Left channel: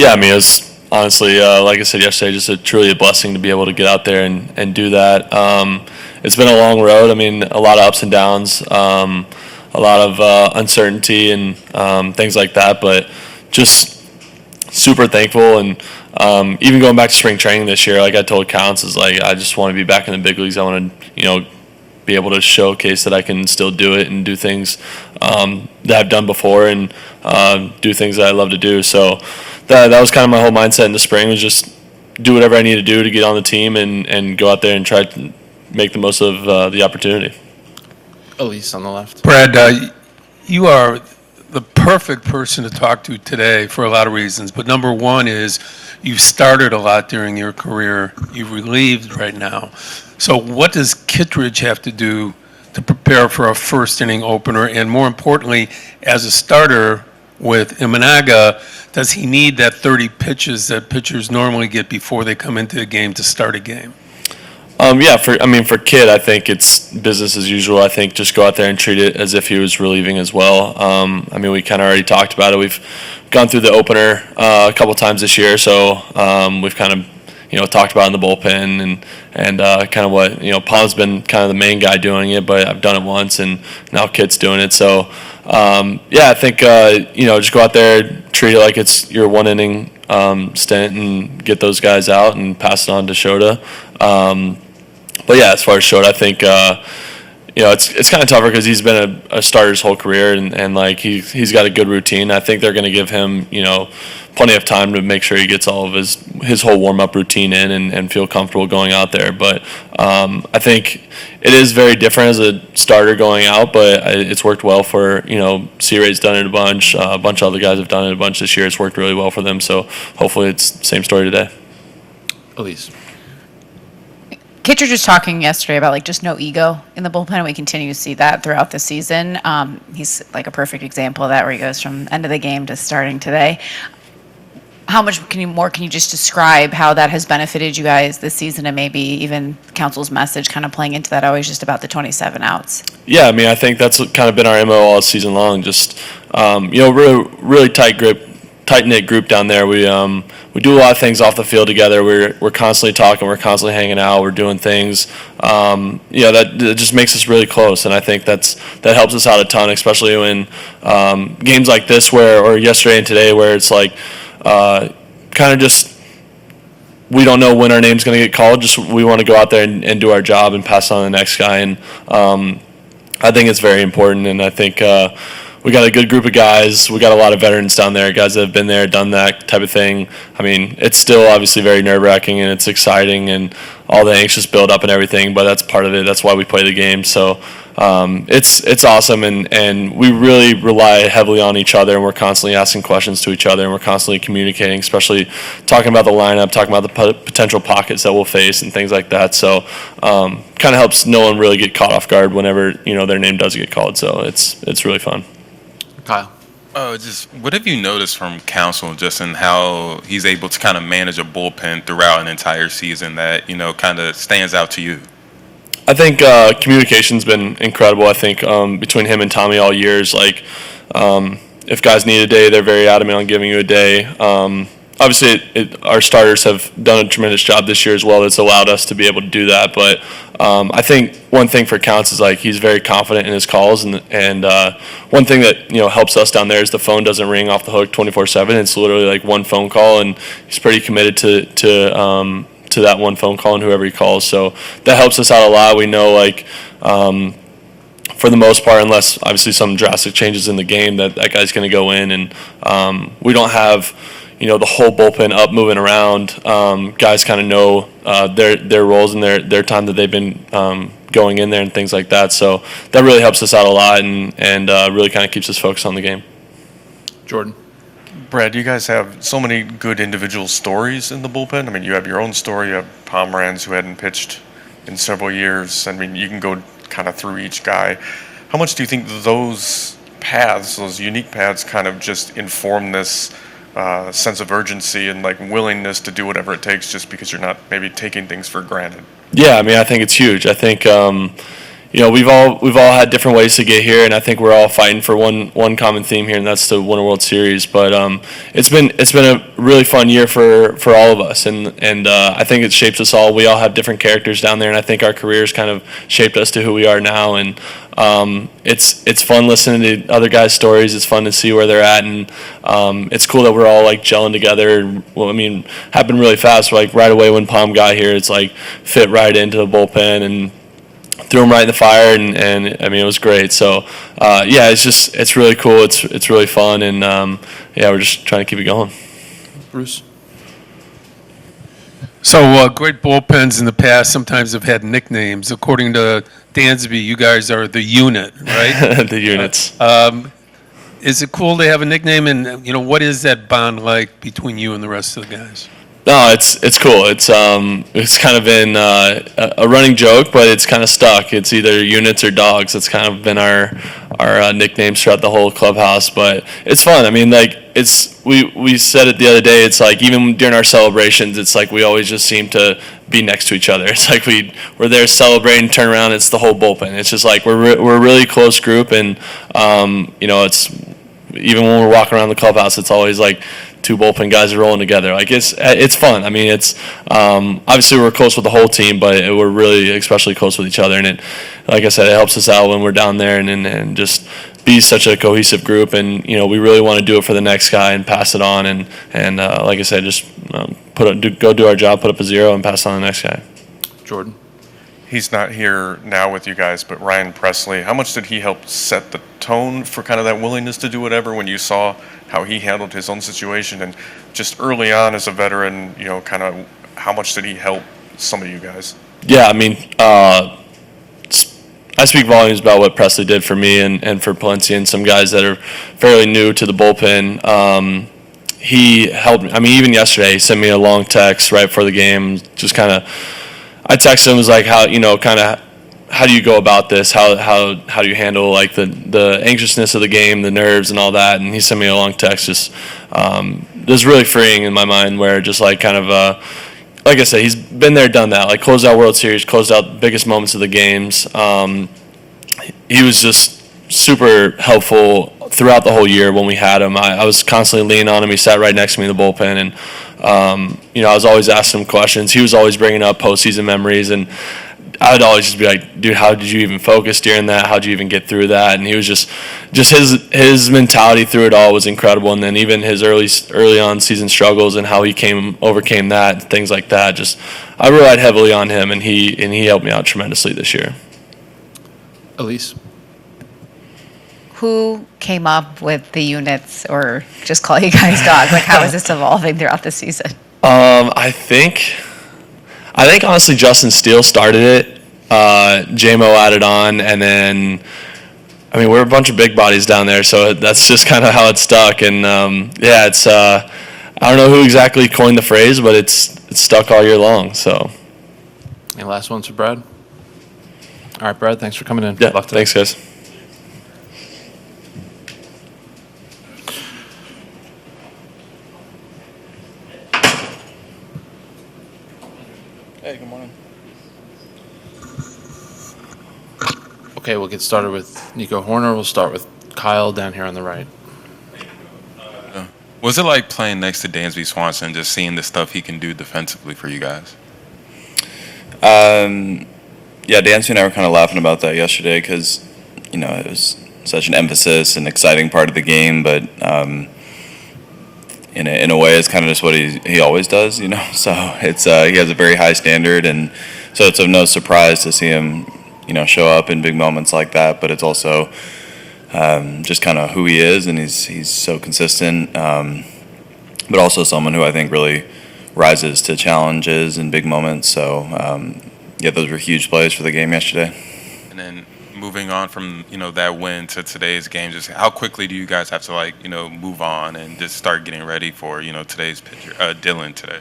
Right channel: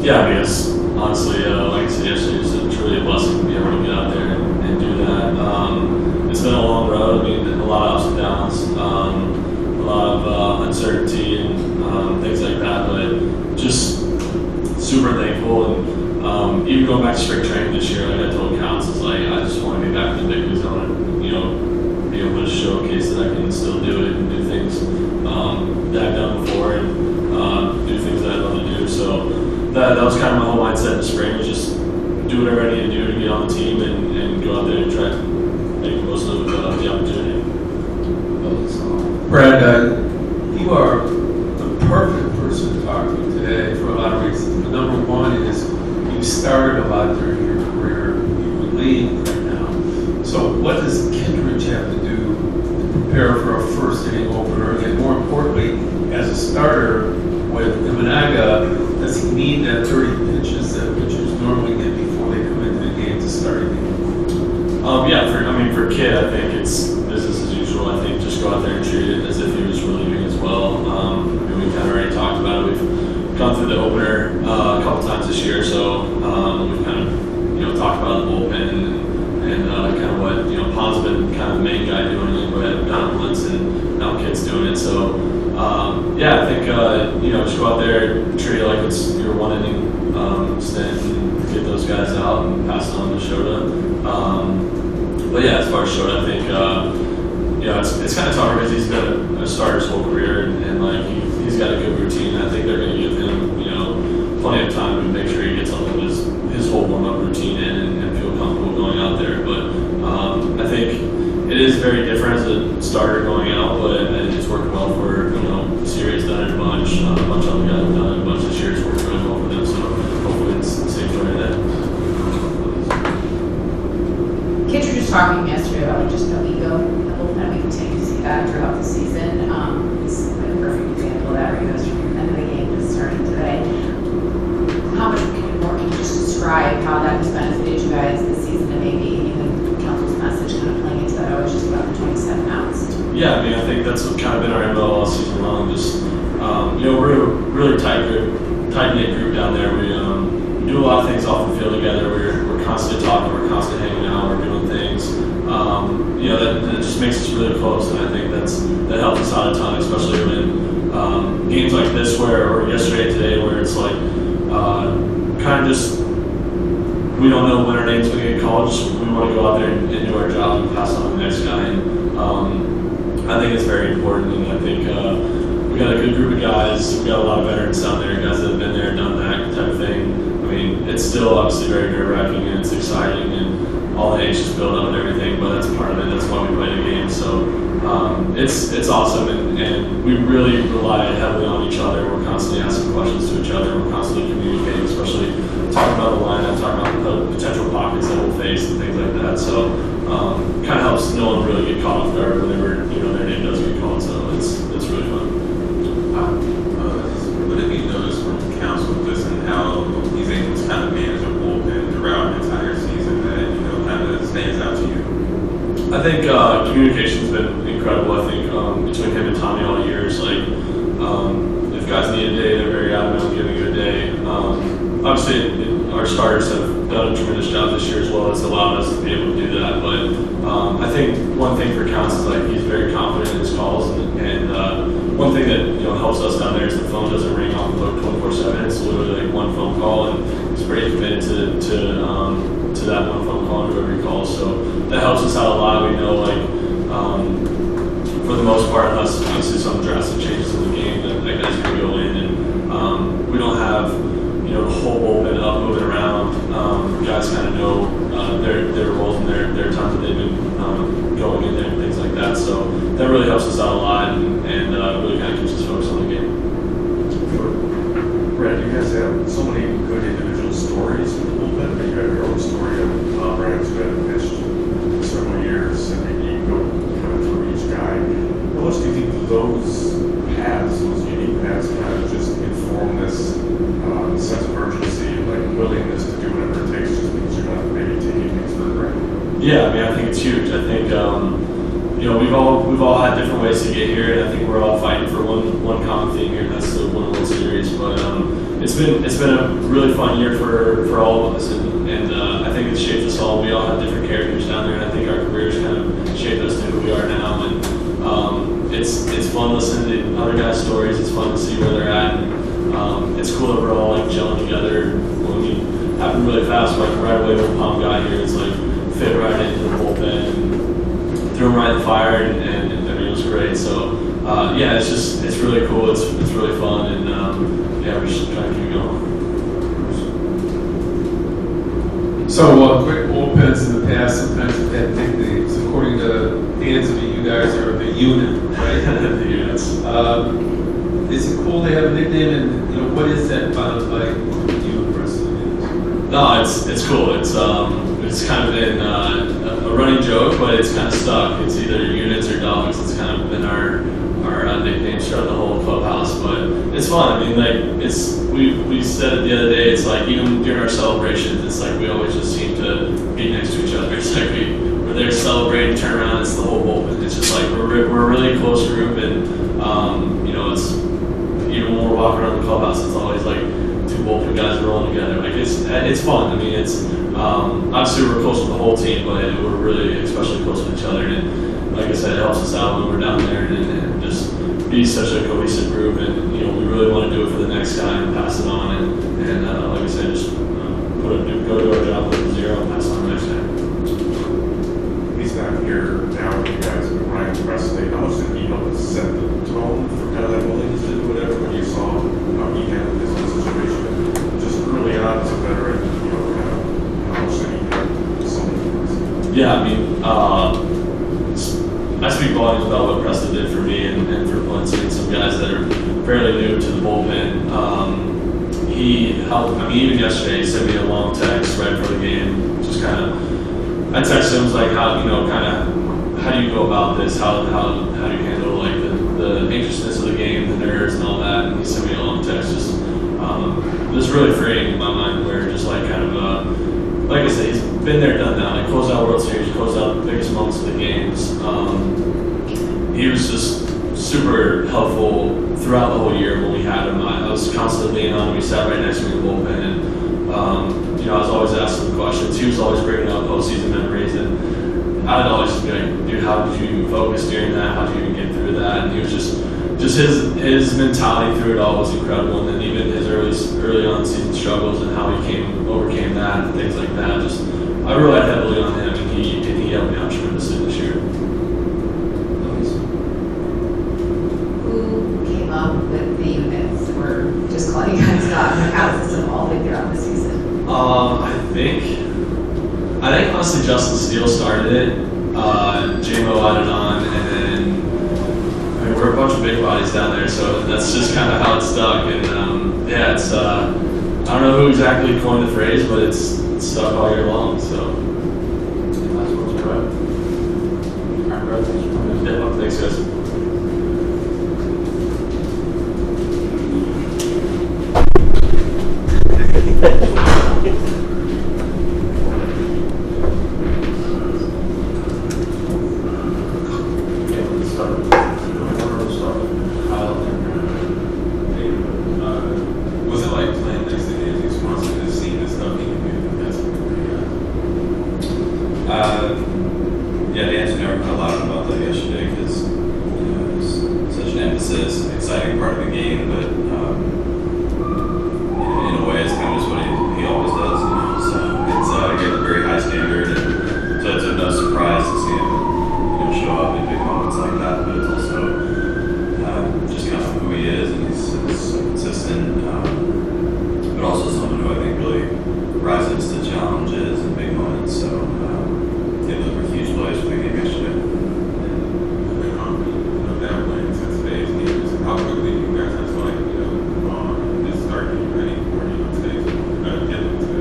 Yeah, I mean, it's honestly, like I said yesterday, just truly a blessing to be able to get out there and do that. It's been a long road. I mean, a lot of ups and downs, a lot of uncertainty and things like that, but just super thankful. And even going back to spring training this year, like I told Counsell, like I just want to be back in the big leagues. I want to, be able to showcase that I can still do it and do things that I've done before and do things that I love to do. So that was kind of my whole mindset in the spring, was just do whatever I need to do to get on the team and go out there and try to make the most of the opportunity. Elise on the left. Brad, you are the perfect person to talk to today for a lot of reasons, but number one is you've started a lot during your career. You've relieved right now. So what does Kittredge have to do to prepare for a first inning opener? And more importantly, as a starter with Imanaga, does he need that 30 pitches that pitchers normally get before they come into the game to start a game? For Kid, I think it's business as usual. I think just go out there and treat it as if he was relieving as well. We kind of already talked about it. We've gone through the opener a couple times this year, so we've kind of talked about it in the bullpen and kind of what Paul's been kind of the main guy doing it, but I've done it once and now Kid's doing it. So I think just go out there, treat it like it's your one inning stint and get those guys out and pass it on to Shota. As far as Shota, I think it's kind of tougher because he's been a starter his whole career and like he's got a good routine. I think they're going to give him plenty of time to make sure he gets all of his whole warm-up routine in and feel comfortable going out there. But I think it is very different as a starter going out, but it's worked well for, C-Ray's done it a bunch of other guys have done it a bunch this year. It's worked really well for them, so hopefully it's the same story today. Elise. Kittredge was talking yesterday about just no ego in the bullpen, and we continue to see that throughout the season. He's like a perfect example of that, where he goes from end of the game to starting today. How much can you just describe how that has benefited you guys this season, and maybe even Counsell's message kind of playing into that, always just about the 27 outs? Yeah, I think that's kind of been our MO all season long. Just really tight-knit group down there. We do a lot of things off the field together. We're constantly talking. We're constantly hanging out. We're doing things. That just makes us really close, and I think that helps us out a ton, especially when games like this, or yesterday and today, where it's like kind of just we don't know when our name's going to get called. Just we want to go out there and do our job and pass on to the next guy. And I think it's very important. And I think we got a good group of guys. We got a lot of veterans down there, guys that have been there, done that type of thing. It's still obviously very nerve-wracking and it's exciting and all the anxious build-up and everything, but that's part of it. That's why we play the game. So it's awesome, and we really rely heavily on each other, and we're constantly asking questions to each other, and we're constantly communicating, especially talking about the lineup, talking about the potential pockets that we'll face and things like that. So kind of helps no one really get caught off guard whenever their name does get called. So it's really fun. Kyle. What have you noticed from Counsell just in how he's able to kind of manage a bullpen throughout an entire season that, kind of stands out to you? I think communication's been incredible. I think between him and Tommy all years, if guys need a day, they're very adamant on giving you a day. Obviously, our starters have done a tremendous job this year as well. That's allowed us to be able to do that. But I think one thing for Counsell is he's very confident in his calls, and one thing that helps us down there is the phone doesn't ring off the hook 24/7. It's literally one phone call, and he's pretty committed to that one phone call and whoever he calls. So that helps us out a lot. We know for the most part, unless obviously some drastic changes in the game, that guy's going to go in, and we don't have the whole bullpen up moving around. Guys kind of know their roles and their time that they've been going in there and things like that. So that really helps us out a lot and really kind of keeps us focused on the game. Jordan. Brad, you guys have so many good individual stories in the bullpen. You have your own story. You have Tom Rans, who hadn't pitched in several years. You can go kind of through each guy. How much do you think those paths, those unique paths, kind of just inform this sense of urgency and willingness to do whatever it takes just because you're not maybe taking things for granted? Yeah, I think it's huge. I think we've all had different ways to get here, and I think we're all fighting for one common theme here, and that's to win a World Series. But it's been a really fun year for all of us, and I think it shapes us all. We all have different characters down there, and I think our careers kind of shaped us to who we are now. And it's fun listening to other guys' stories. It's fun to see where they're at, and it's cool that we're all like gelling together. Well, I mean, happened really fast. Like right away when Palm got here, it's like fit right into the bullpen and threw him right in the fire, and I mean, it was great. So, it's really cool. It's really fun, and we're just trying to keep it going. Bruce. So great bullpens in the past sometimes have had nicknames. According to Dansby, you guys are the unit, right? The units. Is it cool to have a nickname, and what is that bond like between you and the rest of the guys? No, it's cool. It's kind of been a running joke, but it's kind of stuck. It's either units or dogs. It's kind of been our nicknames throughout the whole clubhouse. But it's fun. I mean, like we said it the other day. It's like even during our celebrations, it's like we always just seem to be next to each other. It's like we're there celebrating, turn around, it's the whole bullpen. It's just like we're a really close group, and it's even when we're walking around the clubhouse, it's always like two bullpen guys are rolling together. Like it's fun. I mean, it's obviously we're close with the whole team, but we're really especially close with each other. And it, like I said, it helps us out when we're down there and just be such a cohesive group. And we really want to do it for the next guy and pass it on. And like I said, just go do our job, put up a zero, and pass it on to the next guy. Jordan. He's not here now with you guys, but Ryan Presley, how much did he help set the tone for kind of that willingness to do whatever when you saw how he handled his own situation? And just early on as a veteran, kind of how much did he help some of you guys? Yeah, I mean, I speak volumes about what Presley did for me and for Palencia and some guys that are fairly new to the bullpen. He helped. I mean, even yesterday, he sent me a long text right before the game. Just kind of, I texted him, was like, how do you go about this? How do you handle like the anxiousness of the game, the nerves, and all that? And he sent me a long text. Just it was really freeing in my mind, where just like kind of like I said, he's been there, done that. Like closed out World Series, closed out the biggest moments of the games. He was just super helpful throughout the whole year when we had him. I was constantly leaning on him. He sat right next to me in the bullpen, and I was always asking him questions. He was always bringing up postseason memories, and I'd always just be like, dude, how did you even focus during that? How'd you even get through that? And he was just his mentality through it all was incredible. And then even his early on season struggles and how he overcame that and things like that. Just I relied heavily on him, and he helped me out tremendously this year. Elise. Who came up with the units, or just call you guys dog? Like, how is this evolving throughout the season? I think honestly Justin Steele started it. JMO added on, and then I mean we're a bunch of big bodies down there, so that's just kind of how it stuck. And it's I don't know who exactly coined the phrase, but it's stuck all year long. So. Any last ones for Brad? All right, Brad. Thanks for coming in. Yeah. Thanks, guys. Okay, we'll get started with Nico Hoerner. We'll start with Kyle down here on the right. Was it like playing next to Dansby Swanson, just seeing the stuff he can do defensively for you guys? Dansby and I were kind of laughing about that yesterday because, it was such an emphasis and exciting part of the game, but in a way it's kind of just what he always does, So it's he has a very high standard, and so it's of no surprise to see him, show up in big moments like that. But it's also just kind of who he is, and he's so consistent, but also someone who I think really rises to challenges and big moments. So those were huge plays for the game yesterday. And then moving on from that win to today's game, just how quickly do you guys have to move on and just start getting ready for today's Dylan today?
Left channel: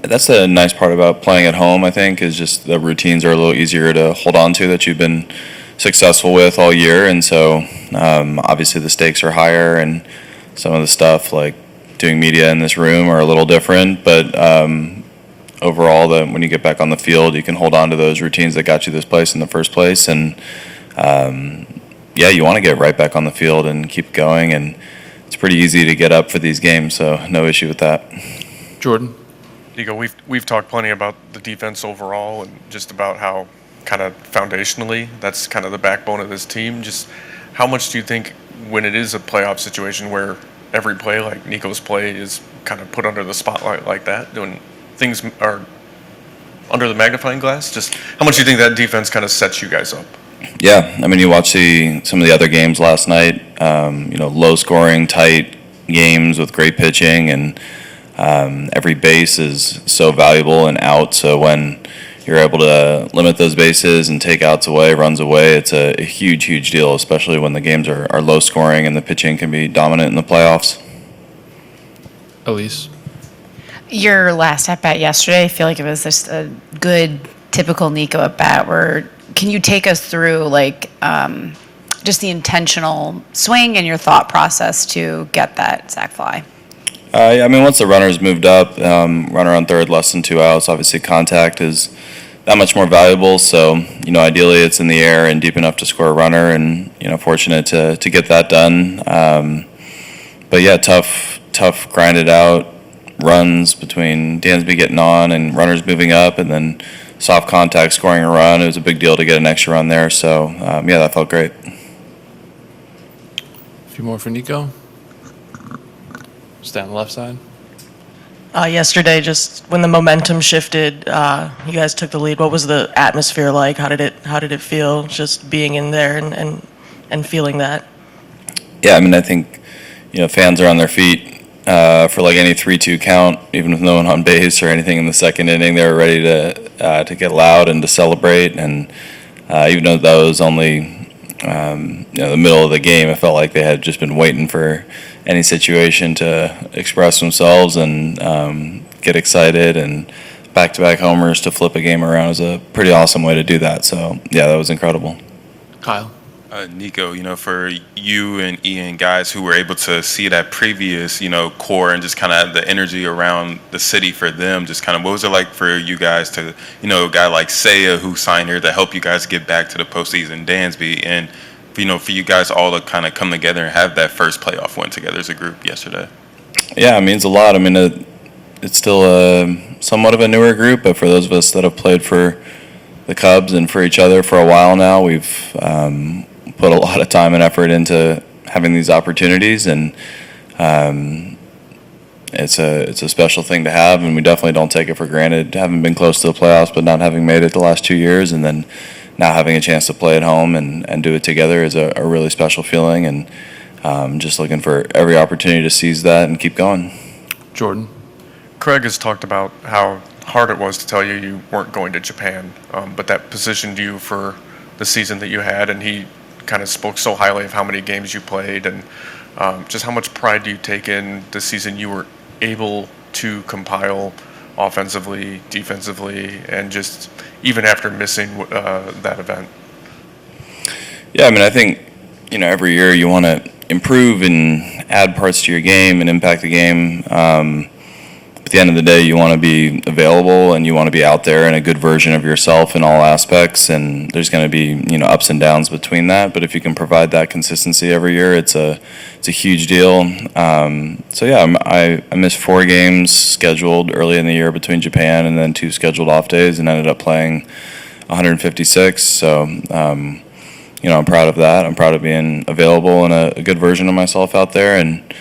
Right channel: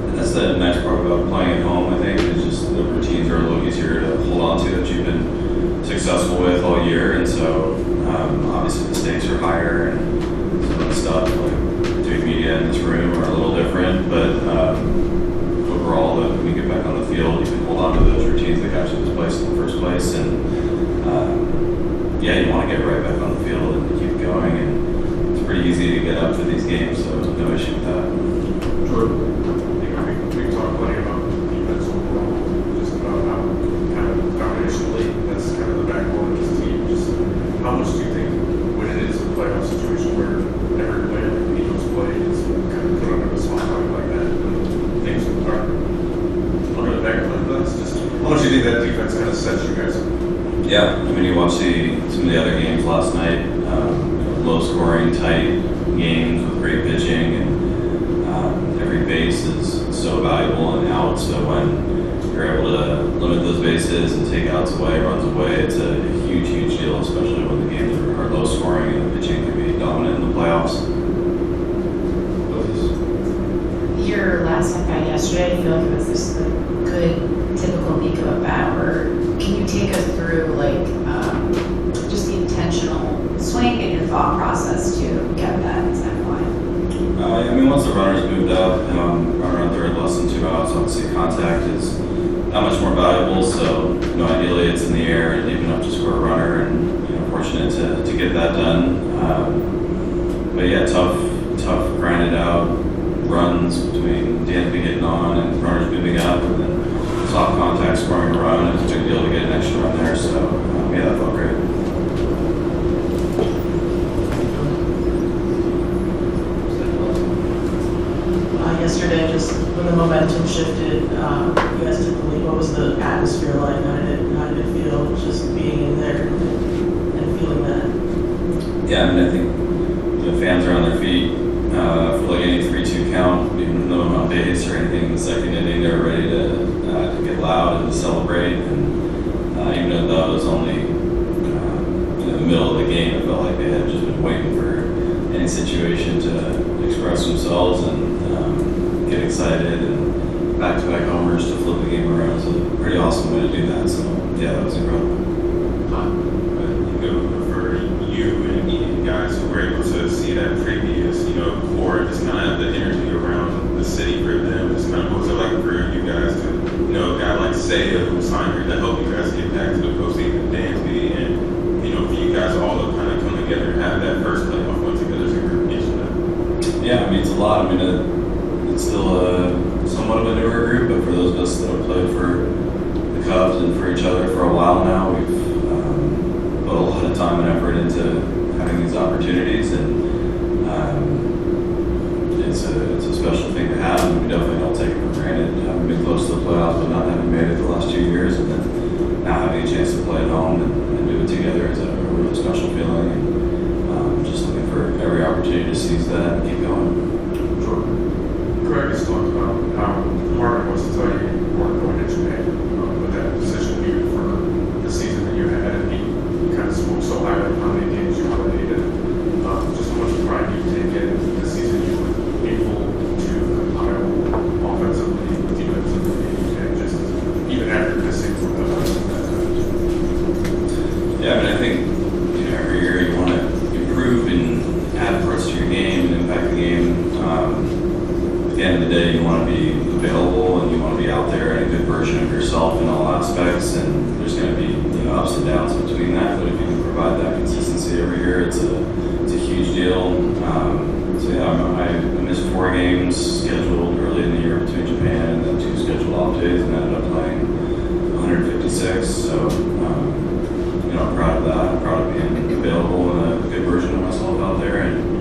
That's the nice part about playing at home, I think, is just the routines are a little easier to hold on to that you've been successful with all year. And so obviously the stakes are higher, and some of the stuff like doing media in this room are a little different, but overall that when you get back on the field, you can hold on to those routines that got you this place in the first place. And you want to get right back on the field and keep going. And it's pretty easy to get up for these games, so no issue with that. Jordan? Nico, we've talked plenty about the defense overall, and just about how kind of foundationally that's kind of the backbone of this team. Just how much do you think, when it is a playoff situation where every play, like Nico's play, is kind of put under the spotlight like that, when things are under the magnifying glass, just how much do you think that defense kind of sets you guys up? Yeah, I mean, you watch some of the other games last night, low-scoring, tight games with great pitching, and every base is so valuable and out, so when you're able to limit those bases and take outs away, runs away, it's a huge, huge deal, especially when the games are low scoring and the pitching can be dominant in the playoffs. Elise? Your last at bat yesterday, I feel like it was just a good, typical Nico at bat. Can you take us through just the intentional swing and your thought process to get that sac fly? Once the runner's moved up, runner on third, less than 2 outs, obviously contact is that much more valuable. So, ideally it's in the air and deep enough to score a runner, and, fortunate to get that done. Tough grinded out runs between Dansby getting on and runners moving up, and then soft contact scoring a run. It was a big deal to get an extra run there. So, that felt great. A few more for Nico. Stay on the left side. Yesterday, just when the momentum shifted, you guys took the lead. What was the atmosphere like? How did it feel, just being in there and feeling that? Yeah, I think fans are on their feet for like any 3-2 count, even with no one on base or anything in the second inning. They were ready to get loud and to celebrate. And even though that was only the middle of the game, it felt like they had just been waiting for any situation to express themselves and get excited, and back-to-back homers to flip a game around is a pretty awesome way to do that. So, that was incredible. Kyle? Nico, for you and Ian, guys who were able to see that previous, core and just kind of the energy around the city for them, just kind of what was it like for you guys to, a guy like Seiya who signed here to help you guys get back to the postseason, Dansby, and for you guys all to kind of come together and have that first playoff win together as a group yesterday? Yeah, it means a lot. It's still somewhat of a newer group, but for those of us that have played for the Cubs and for each other for a while now, we've put a lot of time and effort into having these opportunities, and it's a special thing to have, and we definitely don't take it for granted. Having been close to the playoffs, but not having made it the last 2 years, and then now having a chance to play at home and do it together is a really special feeling, and just looking for every opportunity to seize that and keep going. Jordan? Craig has talked about how hard it was to tell you weren't going to Japan, but that positioned you for the season that you had, and he kind of spoke so highly of how many games you played, and just how much pride do you take in the season you were able to compile offensively, defensively, and just even after missing that event? Yeah, I think, every year you want to improve and add parts to your game and impact the game. At the end of the day, you want to be available and you want to be out there and a good version of yourself in all aspects, and there's going to be, ups and downs between that, but if you can provide that consistency every year, it's a huge deal. I missed 4 games scheduled early in the year between Japan, and then 2 scheduled off days, and ended up playing 156. So, I'm proud of that. I'm proud of being available and a good version of myself out there. And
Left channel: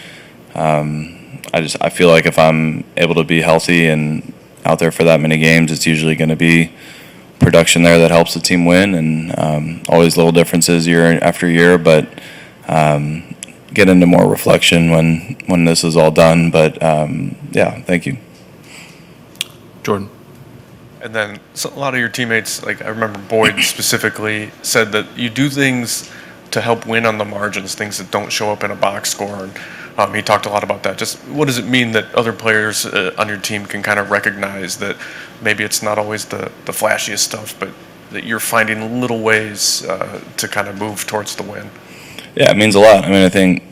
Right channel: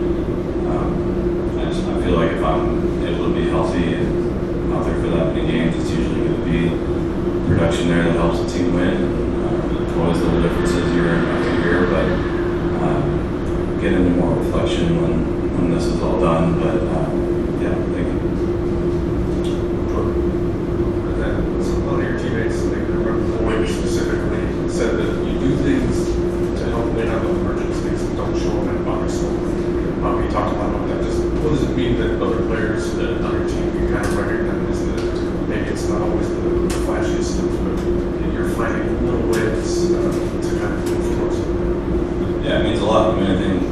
I feel like if I'm able to be healthy and out there for that many games, it's usually going to be production there that helps the team win. And always little differences year after year, but get into more reflection when this is all done. But thank you. Jordan? And then a lot of your teammates, like I remember Boyd specifically, said that you do things to help win on the margins, things that don't show up in a box score. He talked a lot about that. Just what does it mean that other players on your team can kind of recognize that maybe it's not always the flashiest stuff, but that you're finding little ways to kind of move towards the win? Yeah, it means a lot. I think,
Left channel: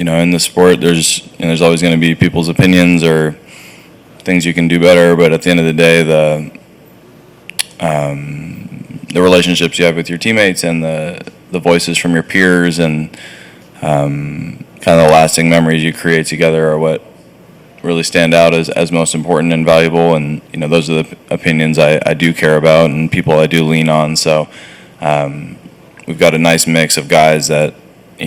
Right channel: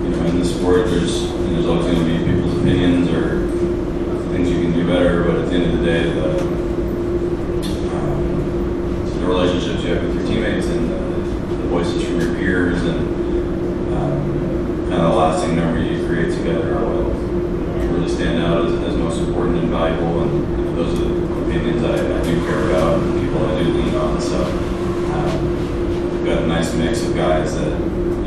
in the sport, there's always going to be people's opinions or things you can do better, but at the end of the day, the relationships you have with your teammates and the voices from your peers and kind of the lasting memories you create together are what really stand out as most important and valuable. And those are the opinions I do care about and people I do lean on. So we've got a nice mix of guys that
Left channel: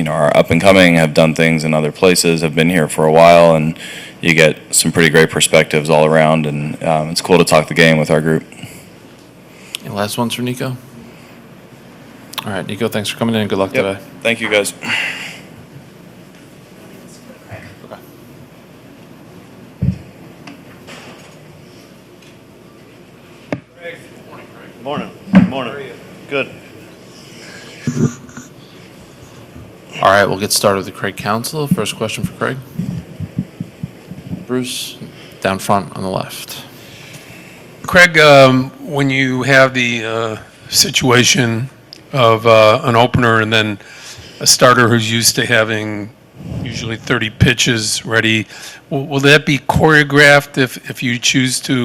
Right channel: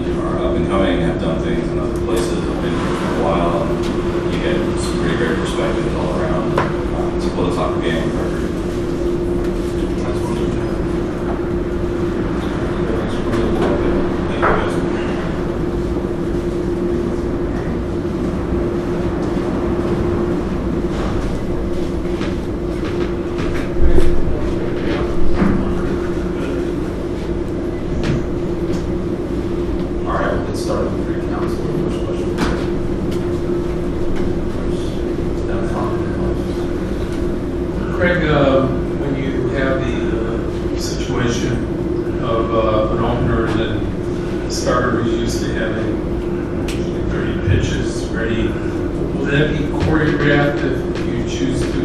are up and coming, have done things in other places, have been here for a while, and you get some pretty great perspectives all around. And it's cool to talk the game with our group. Last one's for Nico. All right, Nico, thanks for coming in and good luck today. Thank you, guys. All right, we'll get started with Craig Counsell. First question for Craig. Bruce, down front on the left. Craig, when you have the situation of an opener and then a starter who's used to having usually 30 pitches ready, will that be choreographed if you choose to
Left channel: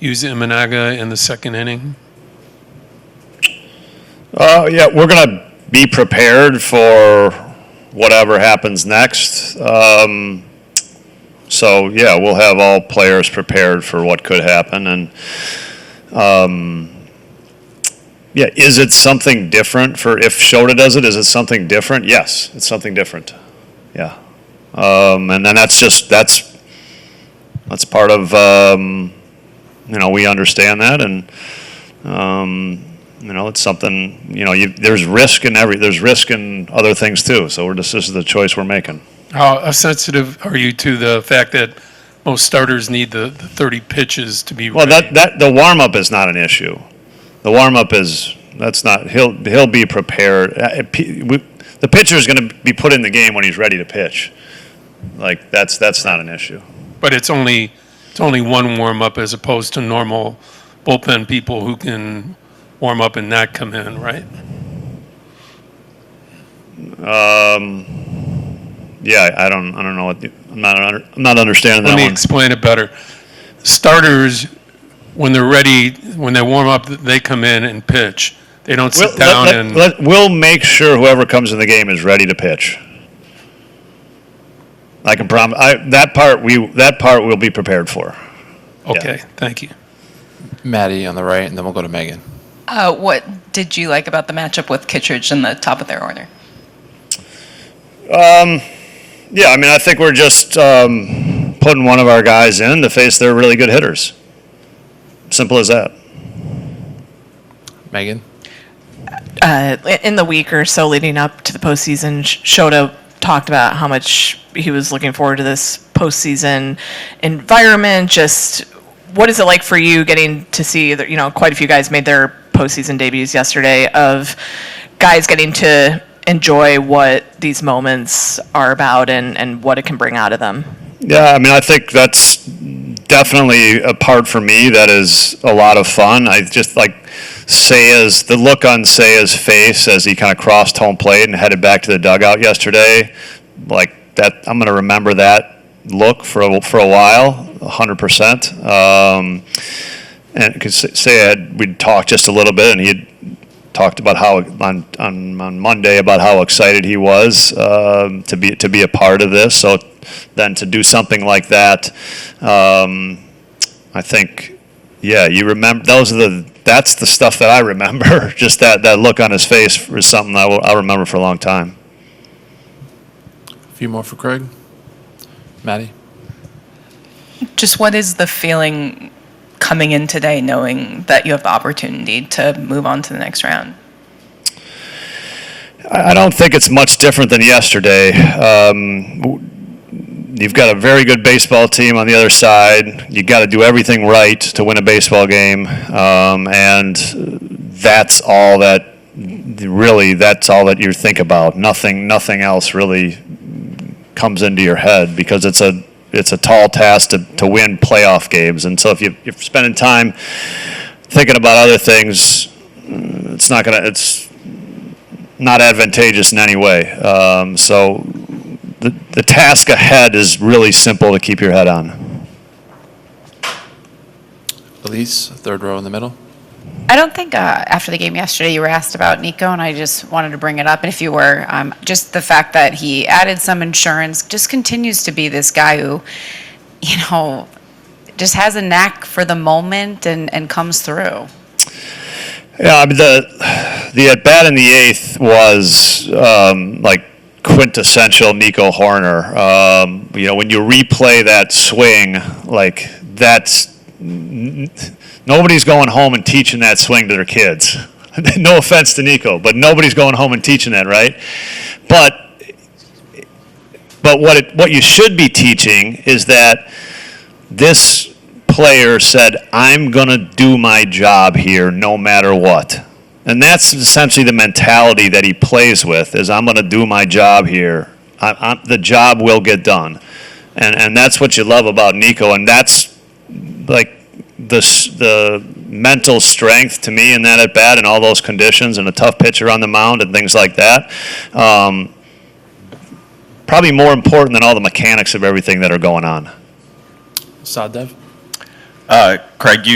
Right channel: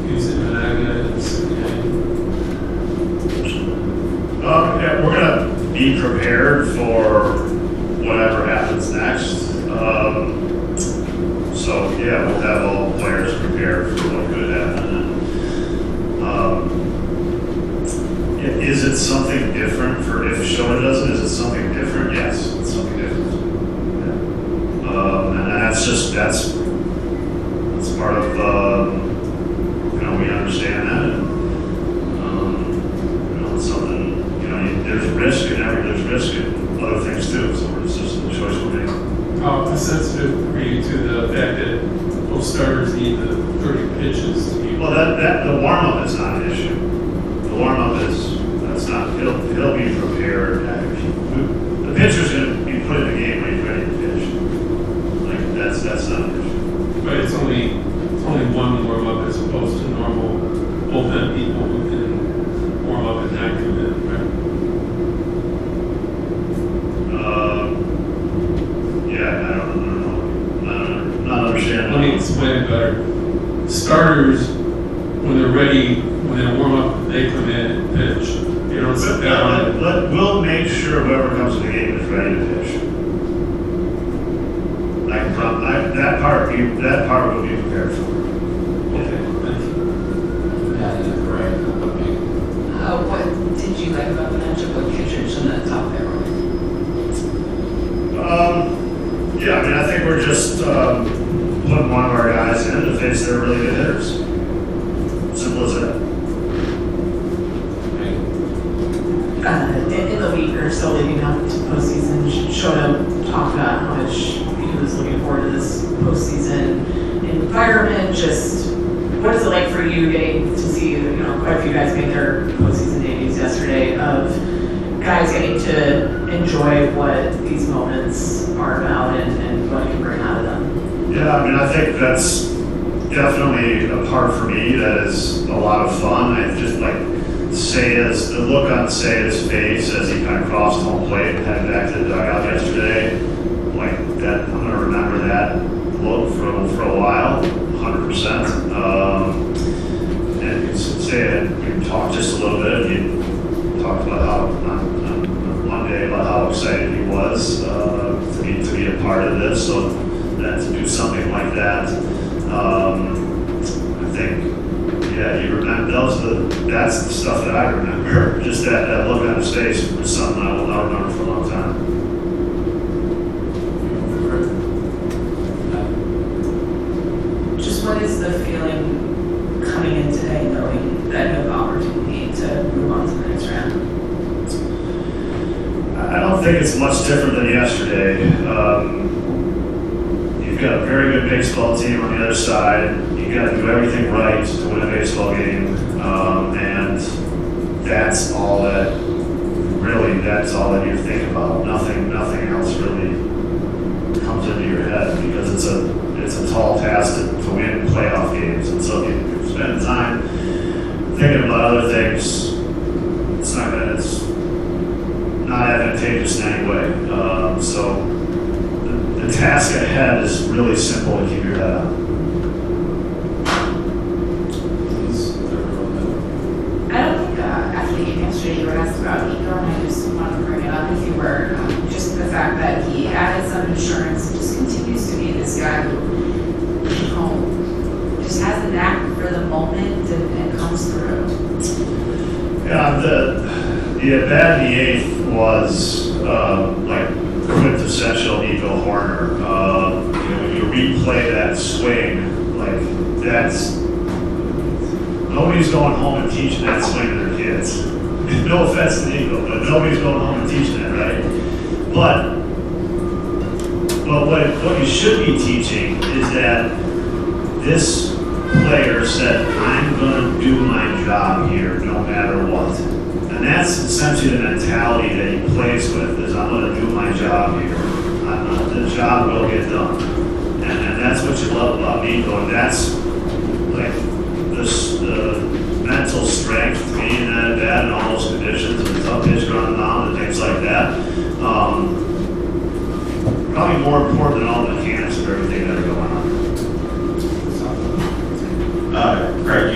use Imanaga in the second inning? Yeah, we're going to be prepared for whatever happens next. So yeah, we'll have all players prepared for what could happen. And yeah, is it something different for if Shota does it? Is it something different? Yes, it's something different. Yeah, and then that's part of we understand that, and it's something. There's risk in there's risk in other things too. So this is the choice we're making. How sensitive are you to the fact that most starters need the 30 pitches to be? Well, that the warm up is not an issue. The warm up that's not. He'll be prepared. The pitcher is going to be put in the game when he's ready to pitch. Like that's not an issue. But it's only one warm up as opposed to normal bullpen people who can warm up and not come in, right? Yeah, I don't know what I'm not understanding that Let me one. explain it better. Starters, when they're ready, when they warm up, they come in and pitch. They don't sit down We'll make sure whoever comes in the game is ready to pitch. I can promise. That part we'll be prepared for. Okay, thank you. Maddie on the right, and then we'll go to Megan. What did you like about the matchup with Kittredge in the top of their order? Yeah, I mean, I think we're just putting one of our guys in to face their really good hitters. Simple as that. Megan? In the week or so leading up to the postseason, Shota talked about how much he was looking forward to this postseason environment. Just what is it like for you getting to see that, quite a few guys made their postseason debuts yesterday, of guys getting to enjoy what these moments are about and what it can bring out of them? Yeah, I mean, I think that's definitely a part for me that is a lot of fun. I just like the look on Saya's face as he kind of crossed home plate and headed back to the dugout yesterday. Like that, I'm going to remember that look for a while, 100%. And because Saya we'd talked just a little bit, and he talked about how on Monday about how excited he was to be a part of this. So then to do something like that, I think, yeah, you remember that's the stuff that I remember. Just that look on his face is something I'll remember for a long time. A few more for Craig. Maddie? Just what is the feeling coming in today, knowing that you have the opportunity to move on to the next round? I don't think it's much different than yesterday. You've got a very good baseball team on the other side. You've got to do everything right to win a baseball game, and that's all that you think about. Nothing else really comes into your head, because it's a tall task to win playoff games. And so if you're spending time thinking about other things, it's not advantageous in any way. So the task ahead is really simple to keep your head on. Reese, third row in the middle. I don't think after the game yesterday you were asked about Nico, and I just wanted to bring it up. And if you were, just the fact that he added some insurance, just continues to be this guy who, just has a knack for the moment and comes through. Yeah, I mean, the at bat in the eighth was like quintessential Nico Hoerner. When you replay that swing, like that's nobody's going home and teaching that swing to their kids. No offense to Nico, but nobody's going home and teaching that, right? But what you should be teaching is that this player said, I'm going to do my job here no matter what. And that's essentially the mentality that he plays with, is I'm going to do my job here. The job will get done. And that's what you love about Nico. And that's like the mental strength to me in that at bat and all those conditions and a tough pitcher on the mound and things like that. Probably more important than all the mechanics of everything that are going on. Sadev. Craig,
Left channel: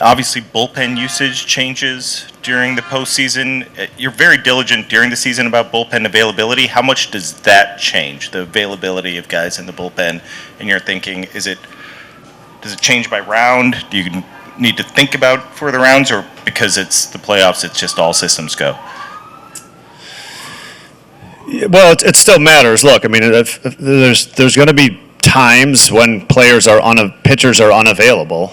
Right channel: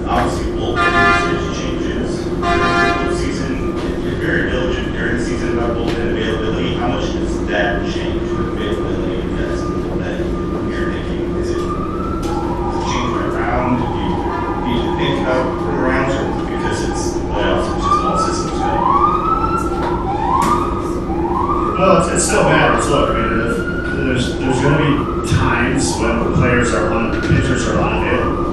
obviously bullpen usage changes during the postseason. You're very diligent during the season about bullpen availability. How much does that change, the availability of guys in the bullpen, in your thinking? Does it change by round? Do you need to think about for the rounds, or because it's the playoffs, it's just all systems go? Well, it still matters. Look, I mean, if there's going to be times when pitchers are unavailable.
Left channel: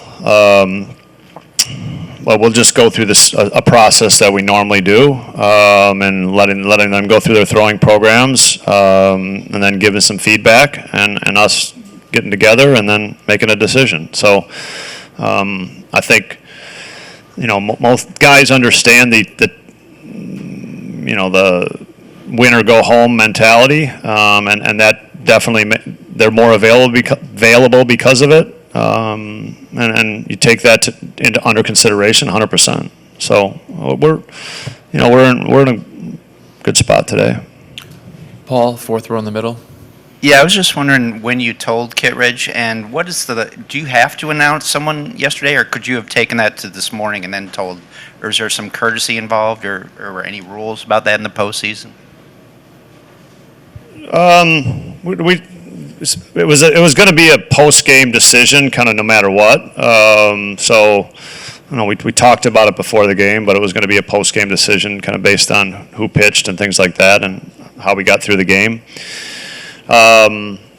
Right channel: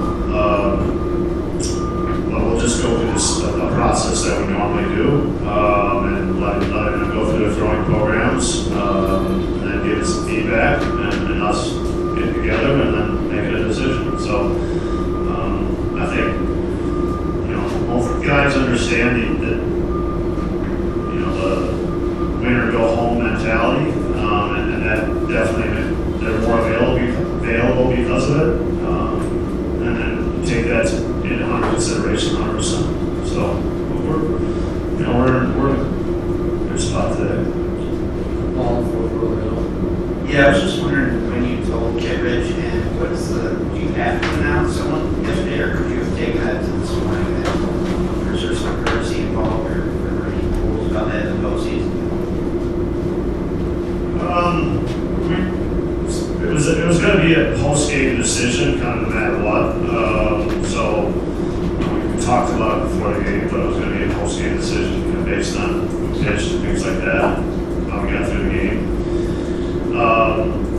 Well, we'll just go through a process that we normally do, and letting them go through their throwing programs, and then give us some feedback, and us getting together and then making a decision. So I think most guys understand the win or go home mentality, and that definitely they're more available because of it, and you take that under consideration 100%. So we're in a good spot today. Paul, fourth row in the middle. Yeah, I was just wondering when you told Kittredge, and do you have to announce someone yesterday, or could you have taken that to this morning and then told, or is there some courtesy involved, or any rules about that in the postseason? It was going to be a post-game decision, kind of no matter what. We talked about it before the game, but it was going to be a post-game decision, kind of based on who pitched and things like that, and how we got through the game.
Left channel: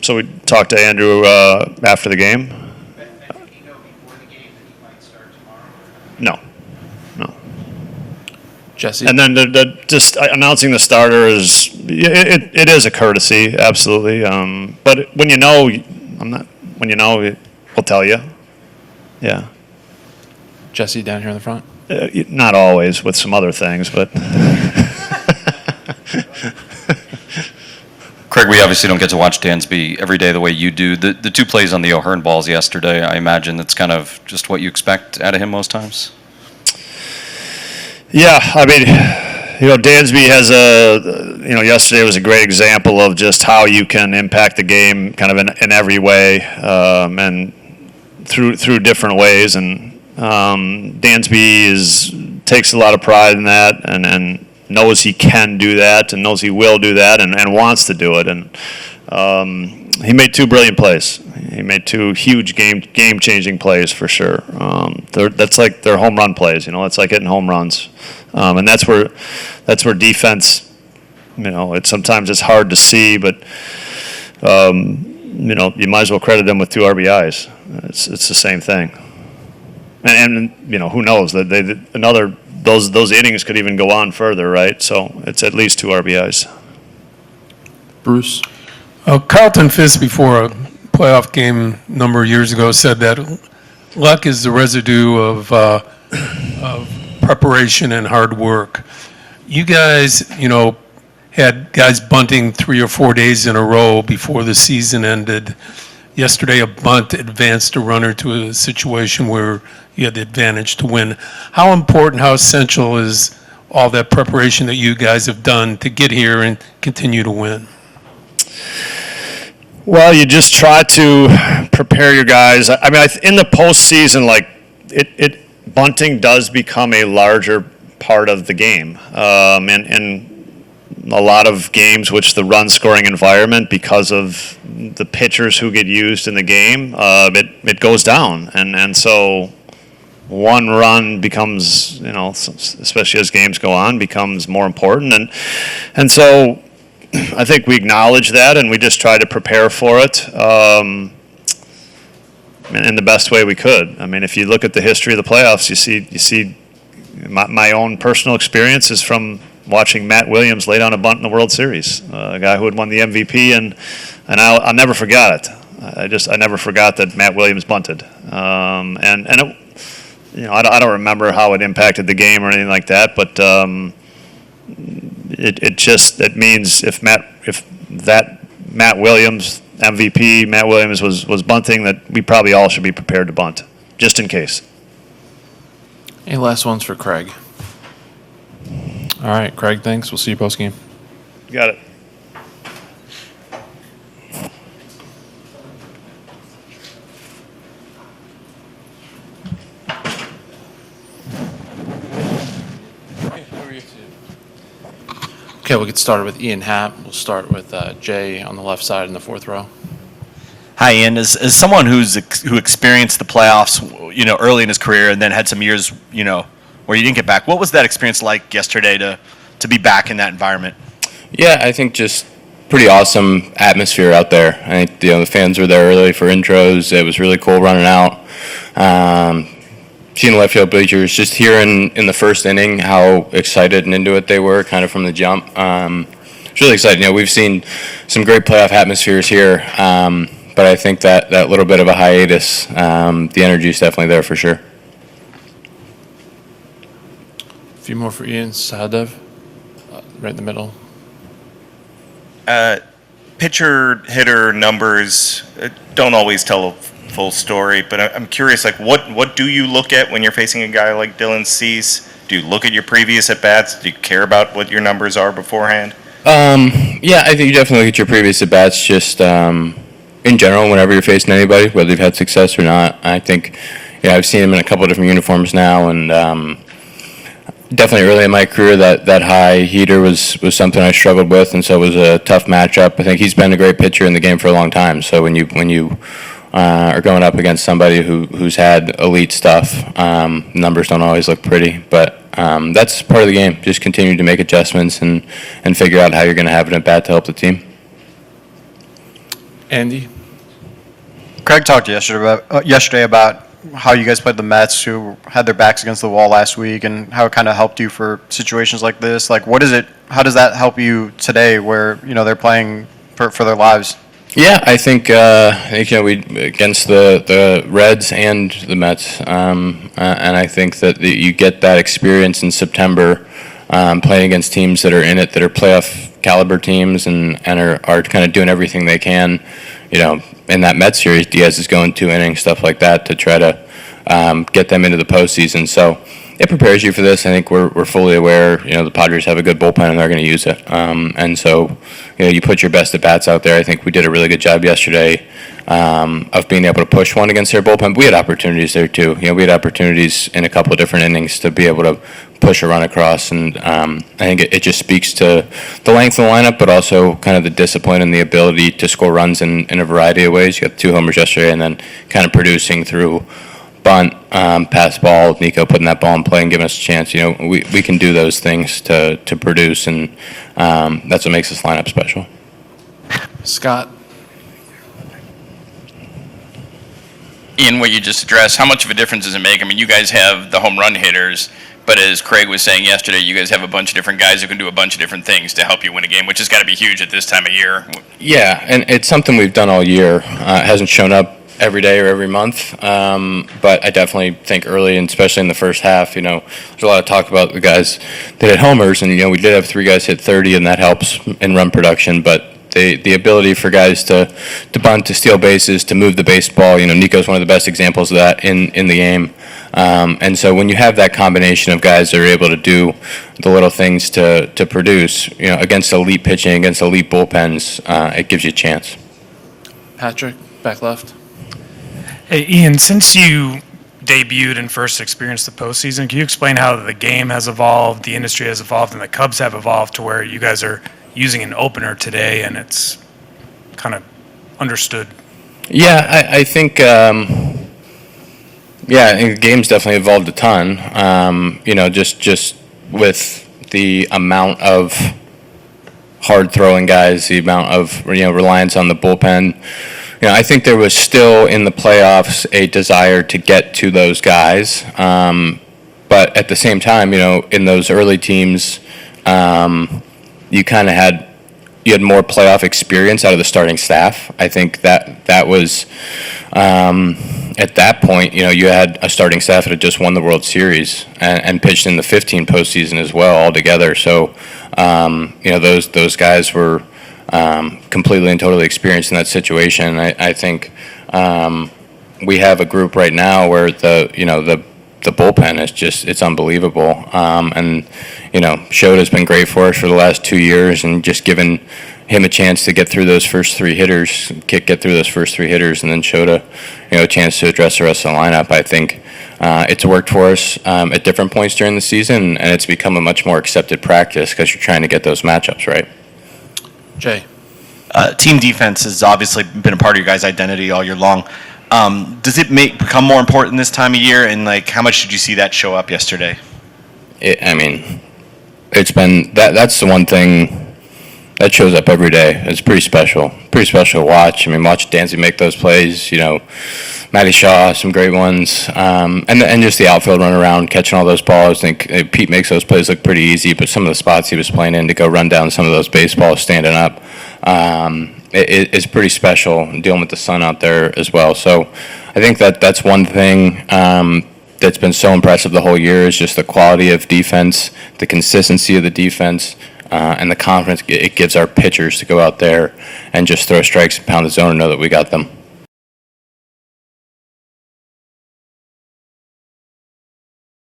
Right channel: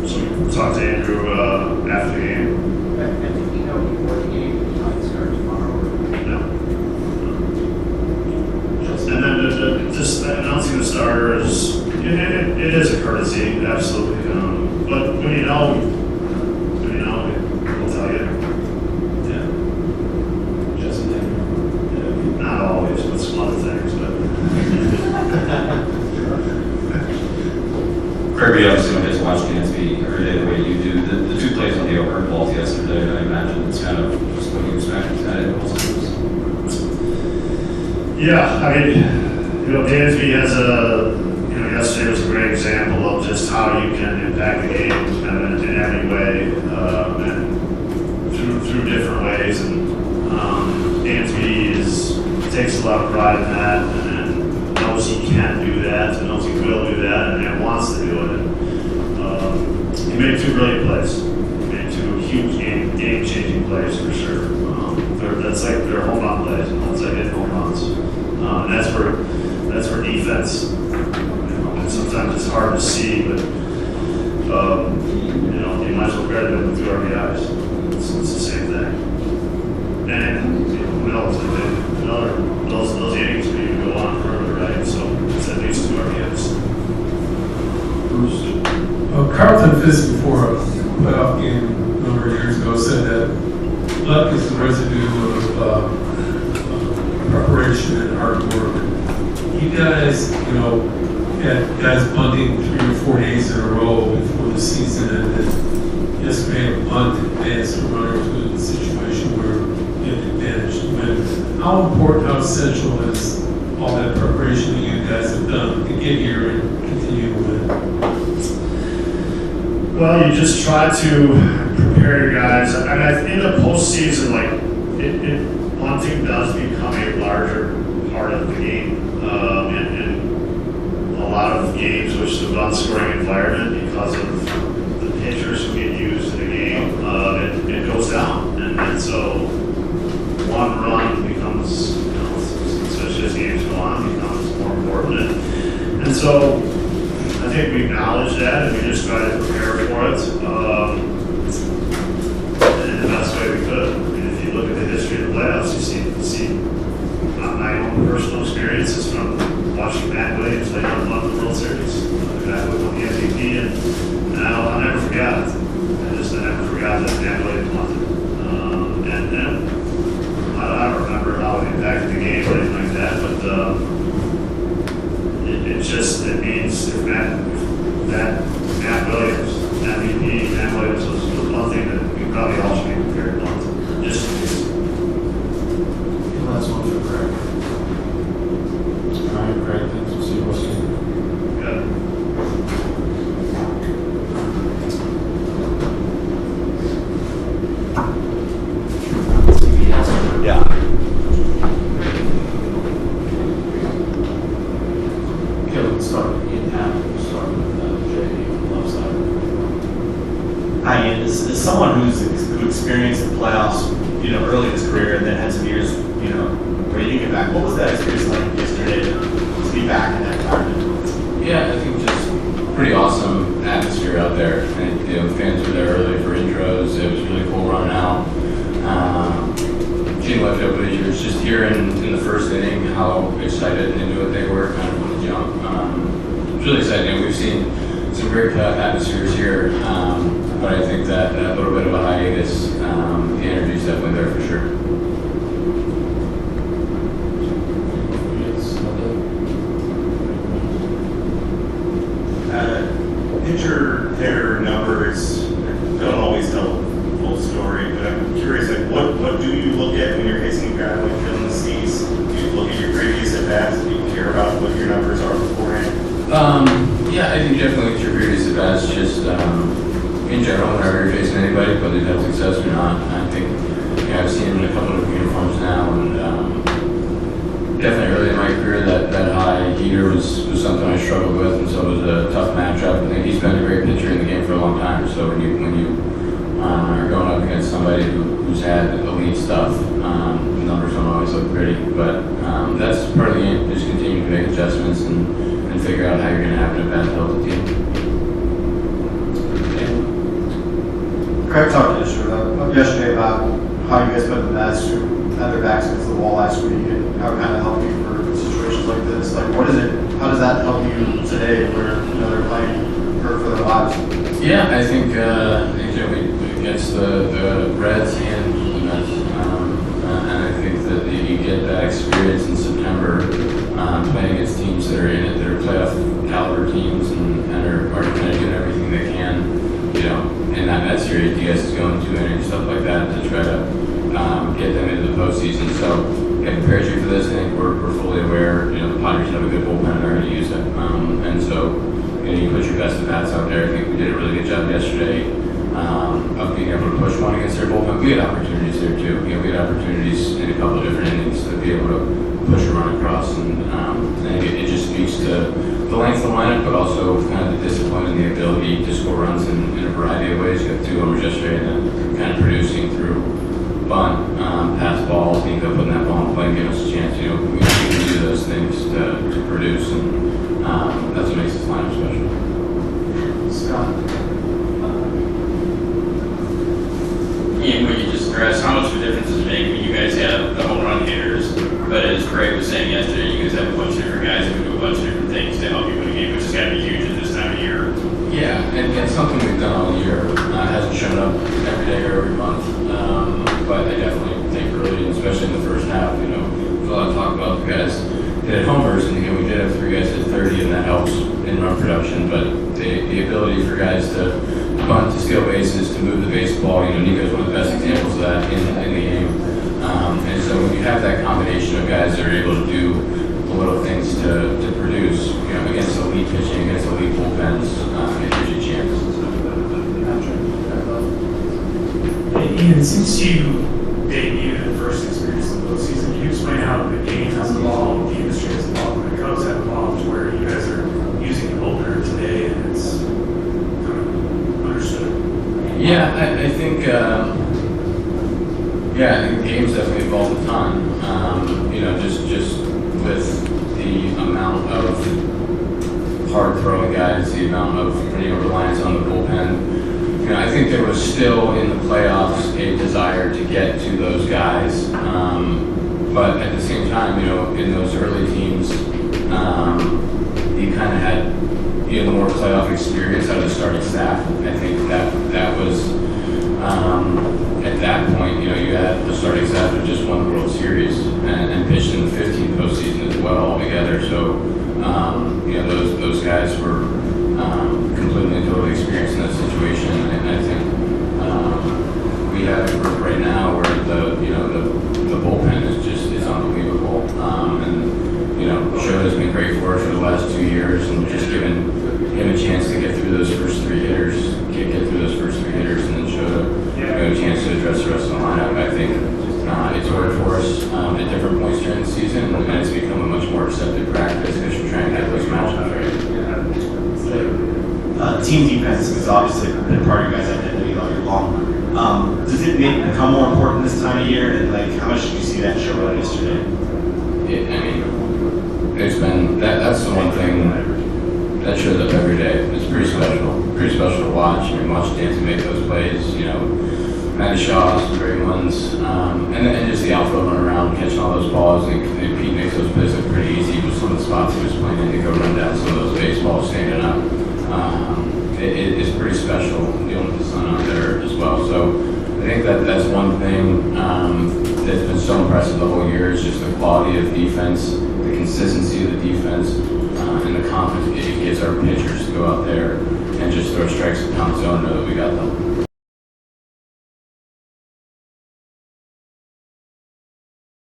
So we talked to Andrew after the game. No. Jesse. And then just announcing the starter it is a courtesy, absolutely. But when we'll tell you. Yeah. Jesse down here in the front. Not always, with some other things, but. Craig, we obviously don't get to watch Dansby every day the way you do. The two plays on the O'Hearn balls yesterday, I imagine that's kind of just what you expect out of him most times. Yeah, I mean, Dansby has yesterday was a great example of just how you can impact the game kind of in every way, and through different ways. And Dansby takes a lot of pride in that, and knows he can do that, and knows he will do that, and wants to do it. And he made two brilliant plays. He made two huge game-changing plays for sure. That's like their home run plays. It's like hitting home runs, and that's where defense. Sometimes it's hard to see, but you might as well credit them with 2 RBIs. It's the same thing. And who knows that those innings could even go on further, right? So it's at least 2 RBIs. Bruce. Carlton Fisk, before a playoff game a number of years ago, said that luck is the residue of preparation and hard work. You guys, had guys bunting 3 or 4 days in a row before the season ended. Yesterday, a bunt advanced a runner to a situation where you had the advantage to win. How important, how essential is all that preparation that you guys have done to get here and continue to win? Well, you just try to prepare your guys. I mean, in the postseason, bunting does become a larger part of the game. And a lot of games which the run scoring environment, because of the pitchers who get used in the game, it goes down. And so one run becomes, especially as games go on, becomes more important. And so I think we acknowledge that, and we just try to prepare for it in the best way we could. I mean, if you look at the history of the playoffs, you see my own personal experience is from watching Matt Williams lay down a bunt in the World Series, a guy who had won the MVP, and I'll never forget it. I never forgot that Matt Williams bunted, I don't remember how it impacted the game or anything like that, but it means if that Matt Williams MVP, Matt Williams was bunting, that we probably all should be prepared to bunt, just in case. Any last ones for Craig? All right, Craig, thanks. We'll see you post game. You got it. Okay, we can start with Ian Happ. We'll start with Jay on the left side in the fourth row. Hi, Ian. As someone who experienced the playoffs, early in his career, and then had some years, where you didn't get back, what was that experience like yesterday to be back in that environment? Yeah, I think just pretty awesome atmosphere out there. I think the fans were there early for intros. It was really cool running out. Seeing the left field bleachers, just hearing in the first inning how excited and into it they were, kind of from the jump. It's really exciting. We've seen some great playoff atmospheres here, but I think that little bit of a hiatus, the energy is definitely there for sure. A few more for Ian. Sahadev, right in the middle. Pitcher hitter numbers don't always tell a full story, but I'm curious, what do you look at when you're facing a guy like Dylan Cease? Do you look at your previous at bats? Do you care about what your numbers are beforehand? Yeah, I think you definitely look at your previous at bats. Just in general, whenever you're facing anybody, whether you've had success or not. I think I've seen him in a couple of different uniforms now, and definitely early in my career that high heater was something I struggled with, and so it was a tough matchup. I think he's been a great pitcher in the game for a long time. So when you are going up against somebody who's had elite stuff, numbers don't always look pretty, but that's part of the game. Just continue to make adjustments and figure out how you're going to have an at bat to help the team. Andy. Craig talked yesterday about how you guys played the Mets, who had their backs against the wall last week, and how it kind of helped you for situations like this. How does that help you today, where they're playing for their lives? Yeah, I think we against the Reds and the Mets, and I think that you get that experience in September, playing against teams that are in it, that are playoff caliber teams, and are kind of doing everything they can. In that Mets series, Diaz is going 2 innings, stuff like that, to try to get them into the postseason. So it prepares you for this. I think we're fully aware. The Padres have a good bullpen and they're going to use it. And so you put your best at bats out there. I think we did a really good job yesterday of being able to push one against their bullpen. But we had opportunities there too. We had opportunities in a couple of different innings to be able to push a run across, and I think it just speaks to the length of the lineup, but also kind of the discipline and the ability to score runs in a variety of ways. You got 2 homers yesterday, and then kind of producing through bunt, pass ball, Nico putting that ball in play and giving us a chance. We can do those things to produce, and that's what makes this lineup special. Scott. Ian, what you just addressed, how much of a difference does it make? I mean, you guys have the home run hitters, but as Craig was saying yesterday, you guys have a bunch of different guys who can do a bunch of different things to help you win a game, which has got to be huge at this time of year. Yeah, and it's something we've done all year. It hasn't shown up every day or every month, but I definitely think early, and especially in the first half, there's a lot of talk about the guys that hit homers, and we did have 3 guys hit 30, and that helps in run production, but the ability for guys to bunt, to steal bases, to move the baseball, Nico's one of the best examples of that in the game. And so when you have that combination of guys that are able to do the little things to produce, against elite pitching, against elite bullpens, it gives you a chance. Patrick, back left. Hey, Ian, since you debuted and first experienced the postseason. Can you explain how the game has evolved, the industry has evolved, and the Cubs have evolved to where you guys are using an opener today and it's kind of understood? Yeah, I think I think the game's definitely evolved a ton. Just with the amount of hard throwing guys, the amount of reliance on the bullpen. I think there was still in the playoffs a desire to get to those guys, but at the same time, in those early teams, you kind of had more playoff experience out of the starting staff. I think that was at that point, you had a starting staff that had just won the World Series and pitched in the 15 postseason as well altogether. So those guys were completely and totally experienced in that situation. I think we have a group right now where the bullpen is it's unbelievable. Shota's been great for us for the last 2 years, and just giving him a chance to get through those first three hitters, and then Shota, a chance to address the rest of the lineup. I think it's worked for us at different points during the season, and it's become a much more accepted practice because you're trying to get those matchups right. Jay. Team defense has obviously been a part of your guys' identity all year long. Does it become more important this time of year, and how much did you see that show up yesterday? It's been that's the one thing that shows up every day. It's pretty special to watch. Watch Dancy make those plays. Matty Shaw, some great ones, and just the outfield run around, catching all those balls. I think Pete makes those plays look pretty easy, but some of the spots he was playing in to go run down some of those baseballs standing up, it's pretty special, dealing with the sun out there as well. So I think that's one thing that's been so impressive the whole year is just the quality of defense, the consistency of the defense, and the confidence it gives our pitchers to go out there and just throw strikes, pound the zone, and know that we got them.